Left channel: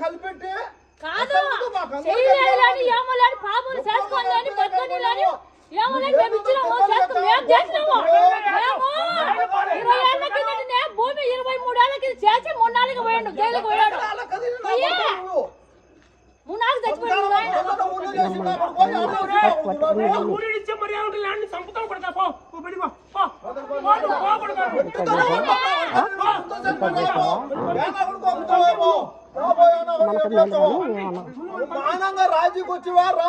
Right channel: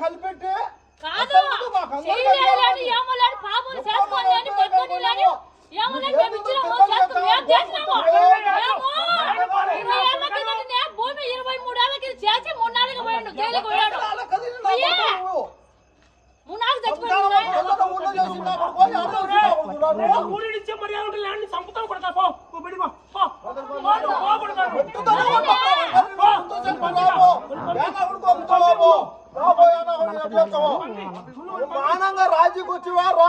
కలిపెట్టి కాదు చేయలేదని ఏమోలేని పాపలు చేసుకోలేని బతుకోలేని ఏమోలేని మేము ఇచ్చినాము చేసుకుని మేము చేసినాము మేము 20 ఏళ్ళ కిందటనే భూమి 23 ఏళ్ళ కింద చేసి 3 పోయాడు జైలుకి పోయాడు 3 చచ్చిపోయాడు రాజీకి వచ్చివా రా